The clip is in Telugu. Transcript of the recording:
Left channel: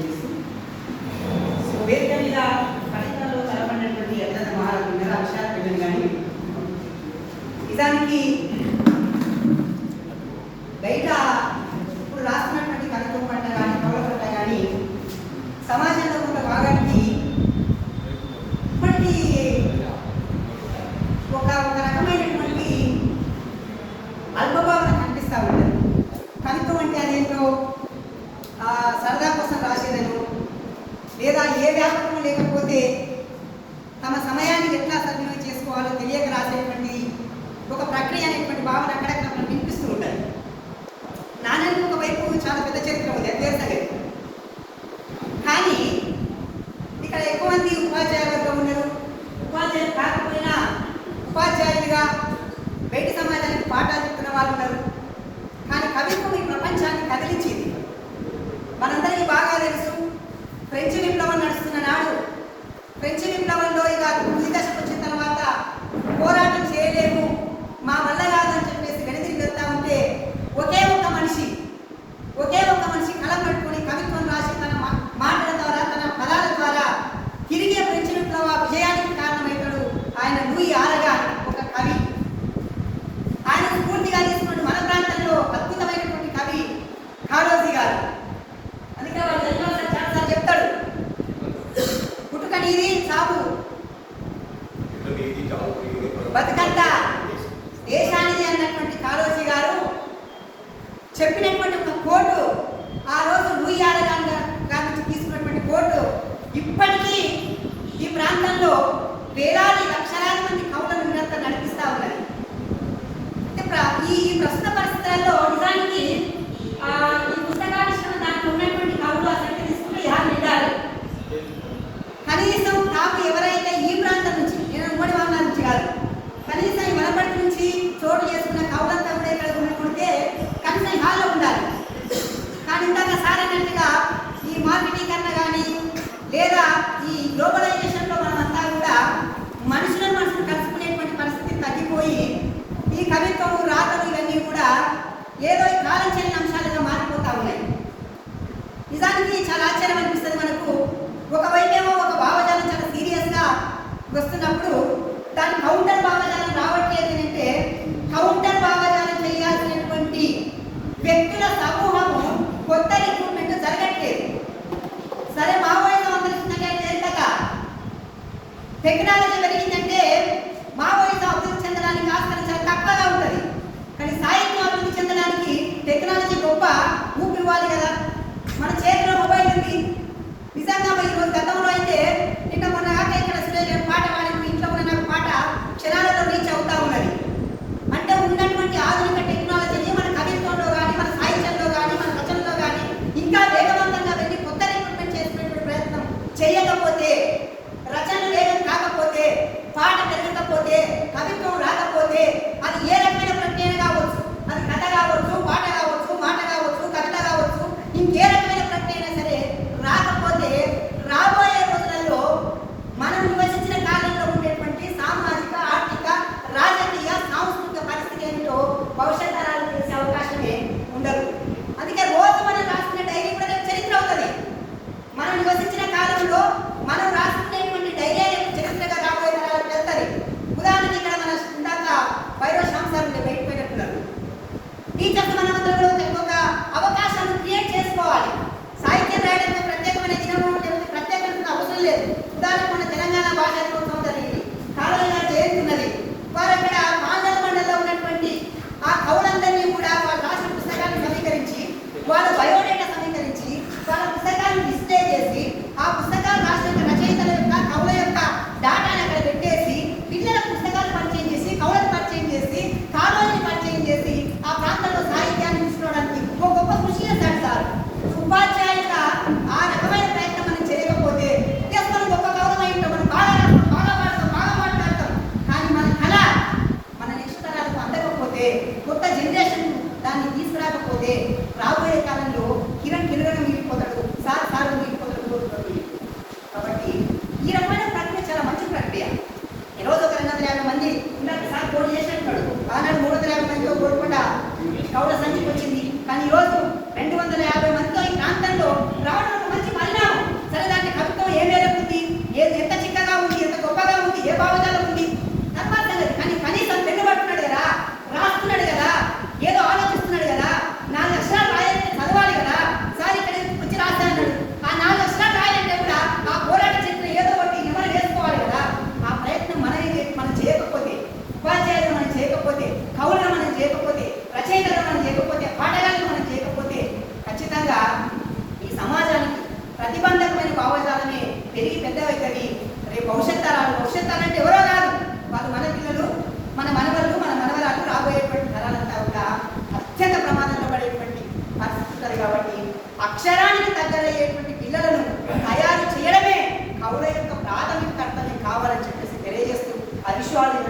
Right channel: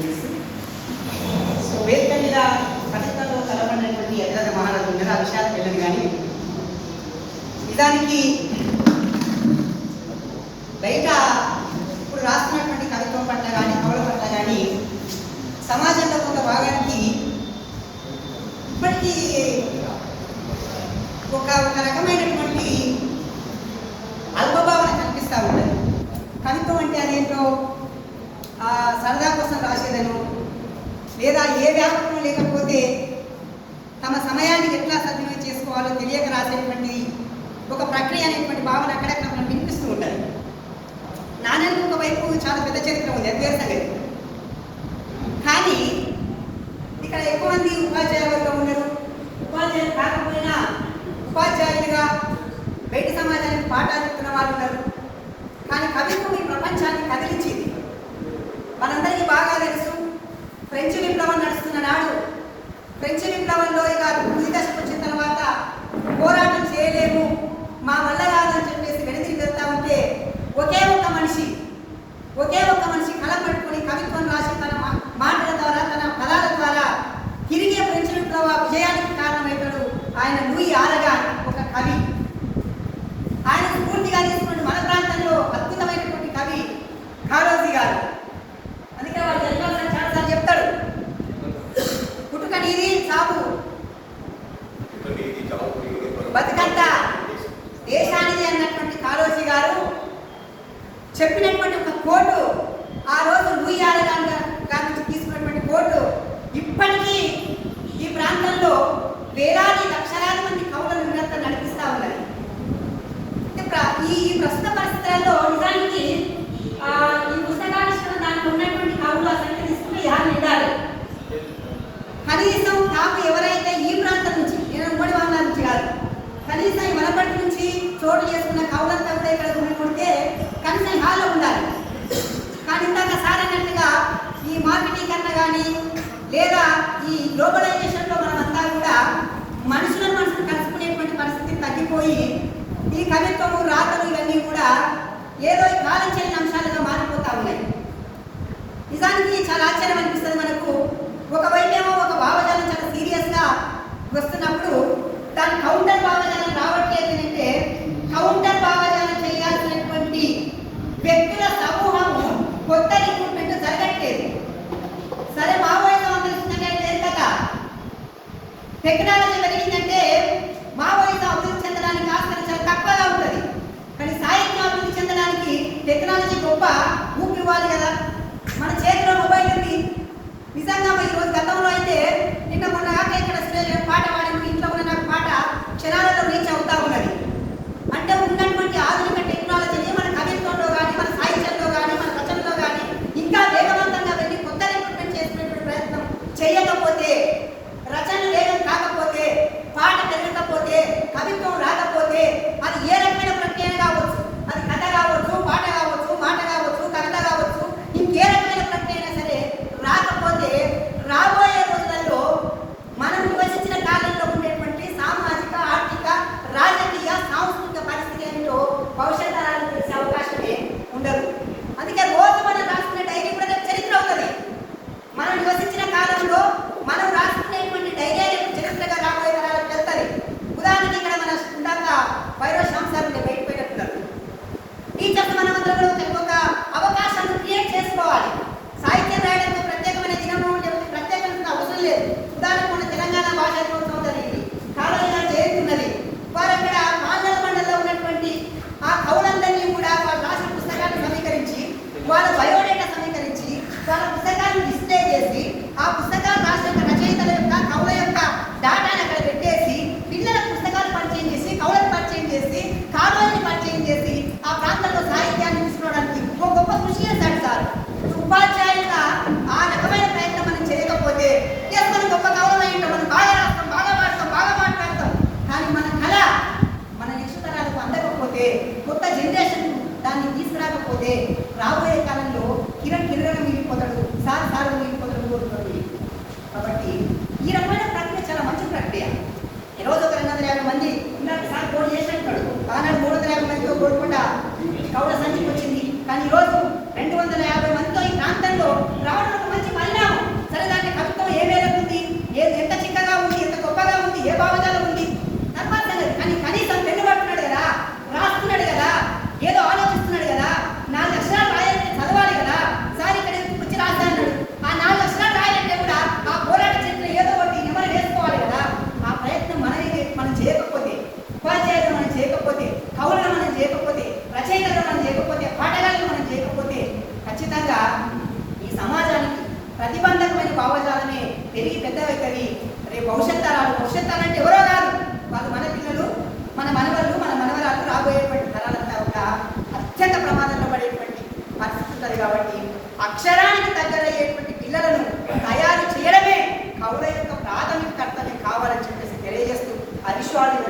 తెలియజేస్తూ సో వేదిక మీద పథకంలో కలపడినటువంటి ఎదురైన మహారాజులు ఉన్నారు. ఆ విషయాలు వెళ్ళదు. కానీ నిజానికి బయట ఇప్పుడు రాస్తున్నటువంటి కవిత్వం పట్ల కానీ కవుల పట్ల కానీ సమాజంలో కొంత భాగానికి ఇప్పటికీ ఒక రకమైనటువంటి అల్పభావన కనిపిస్తూ ఉంటుంది. కవిత్వం అంటే అదేంటో సరదా కోసం రాసేదను, లేదా ఏ వ్యాపకం లేకపోతే తమ సమయాన్ని ఎట్లా సద్వినియోగం చేసుకోవాలో తెలియక రాసేటువంటి ఒక ప్రక్రియ అనేటువంటి భావన అక్కడక్కడ మనం వినిపిస్తూ ఉంటుంది. నాణ్యత ఒకవైపు చాలా పెద్ద చరిత్ర ఉంది, అది వేరే సంగతి. కానీ ఇక్కడ ఎక్కువ మంది ఉపాధ్యాయులతో ఉన్నారు. ఉపాధ్యాయులు కాకపోయినా ఉపాధ్యాయులుగా బయట సమాజానికి పాఠాలు ఇస్తున్న వాళ్ళు ఉన్నారు. కానీ కవిత్వం ఈ ప్రపంచాన్ని కదిలించింది. మనందరికీ బాగా తెలుసు, ఫ్రెంచ్ విప్లవం నడుస్తున్న నాడు ఫ్రెంచ్ విప్లవంలో ఇక తుది దశకు వచ్చిన తర్వాత పోరాటం చేయలేము, మా వల్ల కాదని చెప్పేసి వెనుదిరి వెళ్తా ఉంటే ఒకే ఒక్క మనిషి కళ పట్టుకుని కవిత్వం రాసి తన మాటల ద్వారా తన పదాల ద్వారా తిరిగే ఫ్రెంచ్ విప్లవ విజయానికి కారణమవుతాడు ఆయన లూయి ఆరగాన్, ఒక కవి. ఆయన స్ఫూర్తిగా తీసుకున్న మన ప్రాంతంలో అద్భుతమైనటువంటి కవి కాళోజీ గారు. అందుకే వాళ్ళు చాలాసార్లు చెప్తాడు, పుట్టుక నీది చావు బతుకంతా దేశానిది అన్నటువంటి కాళోజీ గారు చెప్పినటువంటి ఒక కోటు, ఆ రోజు లూయి ఆరగాన్ గారి నుంచి తీసుకున్నటువంటి కోటు ఇప్పటికీ ఈ ప్రాంతంలో వేలాది లక్షలాది మంది కవులను నిరంతరం నడిపిస్తూ ఉన్నది. ఈ ప్రస్తుత పరిస్థితుల్లో నిజానికి ఈ పుస్తకావిష్కరణ దాంట్లో ఉన్నటువంటి కవులు అసలు తీసుకుని యాభై ఉండాలి. కనీసం నాకు ఎవరైతే ఈ ప్రాంతం నుంచి, నేను ఉమ్మడి వాళ్ళ నుంచి కాదు, కనీసం ఈ వనపర్తి నుంచి చోటు చేసుకున్న కవులంతా కూడా ఇక్కడ ఉన్నట్టుంటే కనీసం హాల్లో ఉండాలి. కానీ ఇందాక సార్ అన్నట్టుగా ఈ మార్కెటీకరణ కానీ లేదా ఈ గ్లోబలైజేషన్లో మనమంతా కూడా మనుషులను కలుసుకునేటువంటి పరిస్థితి తగ్గిపోయి ఈ కవిత్వము రాతలు ఇవన్నీ కూడా ఏదో కాలం చేయని అంశాలుగా మారిపోతా ఉన్నాయి. నిజానికి చాలా ఆశ్చర్యం అనిపిస్తుంది మనకు. ఒకవైపేమో ఒక భావజాలం చాలా సీరియస్గా వస్తున్నప్పుడు దాని కౌంటర్ భావజాలం రావట్లేదు అంటే కౌంటర్ భావజాలం చేయాల్సినటువంటి వ్యక్తుల సమూహము కొత్త రిక్రూట్మెంట్ జరగట్లేదు. సరే, మావోయిజం అందరికీ ఏం కదా, టెక్నాలజీ పెరిగిందంటే మావోయిజం అభివృద్ధి చెందడానికి ఆస్కారం చాలా తక్కువగా ఉంటుంది. కానీ సాహిత్యం అభివృద్ధి చెందడానికి టెక్నాలజీ గొప్ప ఊపిరివ్వాలి కదా. మన చేతిలో మొబైల్ ఉంది. నిజంగా ఈరోజు గతంలో అయితే నిన్న మొన్న కాక ఇక్కడ పాట పాడిన ఇంట్లో కూడా నాకు పాట క్షణాలలో రీచ్ అవుతా ఉన్నది. అంటే ఉన్నటువంటి ఆధునిక టెక్నాలజీని మన కవిత్వంలో కానీ మన సాహిత్యంలో కానీ మన రచనలో కానీ ఇంకా వేగవంతంగా వెళ్ళి కొత్త రిక్రూట్మెంట్ చేసినటువంటి ప్రయత్నం చేయకపోతే, రచన వేగం కాకపోతే, పాట పెరగకపోతే, కవిత్వం రాకపోతే అది ఏ రకమైన ప్రక్రియ కావచ్చు, అది కథ కావచ్చు, పాట కావచ్చు, మాట కావచ్చు, కవిత కావచ్చు, ఇంకే రకమైన ప్రక్రియ అయినా సరే రాకపోతే రాబోయే రోజులలో మనం నివసించిన కాలంలో ఉండేటువంటి సామాజిక, ఆర్థిక, రాజకీయ, సాంస్కృతిక పరిస్థితి ఏమిటో భవిష్యత్ తరాలకు తెలిసే అవకాశమే ఉండదు. అందుకే రోజు మనం రాసుకునే డైరీ కూడా చరిత్ర అవుతుంది. మనం నివసించిన కాలంలో మనం రాసుకునేటువంటి డైరీ చరిత్రగా రాబోయే తరాలకు వెళ్తుంది. ఉదాహరణకి ఇక్కడ మన ఇందాక వైరో శాంసార్ బయట పోయినట్టున్నారు. టీచర్స్ మనందరూ ఒక అవకాశాన్ని క్రియేట్ చేసుకోవాలి. సాహిత్యం రాయడానికి ప్రత్యేకమైన దినము లేకపోతే ప్రత్యేకమైన అవసరం లేదు. ఉదాహరణకు మన తెలంగాణ భాష దినోత్సవం జరిగింది, కాళోజీ గారు జయంతున్నది. వారు అక్కడ మాండల మండలంలో ఉన్నటువంటి ఆ కవులందరినీ కూడా వాళ్ళు రాసిన పుస్తకాన్ని సమీకరించి, వాళ్ళ బయోడేటా సమీకరించి, వాళ్ళ పుస్తకాన్ని డిస్ప్లే చేసి, ఆ పుస్తకాలు రాసిన రచయితల యొక్క కవుల యొక్క డాటాని అక్కడ పెట్టేసి పిల్లల పుస్తకాలు పరిచయం చేసి, కవులను పరిచయం చేసి, కాళోజీని పరిచయం చేసి ఆ ప్రాంతంలో సాహిత్యాన్ని తీసుకోవడానికి ఒక గొప్ప కృషి చేశాడు సార్. ఉపాధ్యాయులుగా ఆ రకమైన ప్రయత్నం మనం చేయకపోతే మనం గొప్ప గౌరవం అయి ఉంటాం, మనం బాగా రాస్తాం, బాగా పాడతాం, బాగా మాట్లాడతాం. కానీ మన కళ మన నెక్స్ట్ తరాలకు అందకపోతే, కొత్త జనరేషన్ దాన్ని తీసుకురాకపోతే రాబోయే కాలంలో కిరణ్ మిగిలిపోతాడు, సార్ మిగిలిపోతాడు. కాబట్టి ఈ రకమైన ప్రక్రియ చాలా మంచి ప్రక్రియ. ఈరోజు ఒక 250 మంది ఇందాక సార్ పోటీ చేసినట్టు ఆనాడు 350 మందితో కోరుకుండా కౌడ సంచికి వచ్చింది. కానీ ఈరోజు 250 మందితో ఈ ప్రాంతంలో రావడం ఒక మంచి పరిణామం. అత్యంత ప్రమాదంలో పడేటువంటి పరిస్థితి ఉంటుంది. కాబట్టి అక్షరానికి దగ్గరయ్యేటువంటి పిల్లలను తయారు చేయడమే కవుల యొక్క ప్రాథమిక కర్తవ్యం కావాలని చెప్పేసి తెలియజేస్తూ అవిశ్వాసం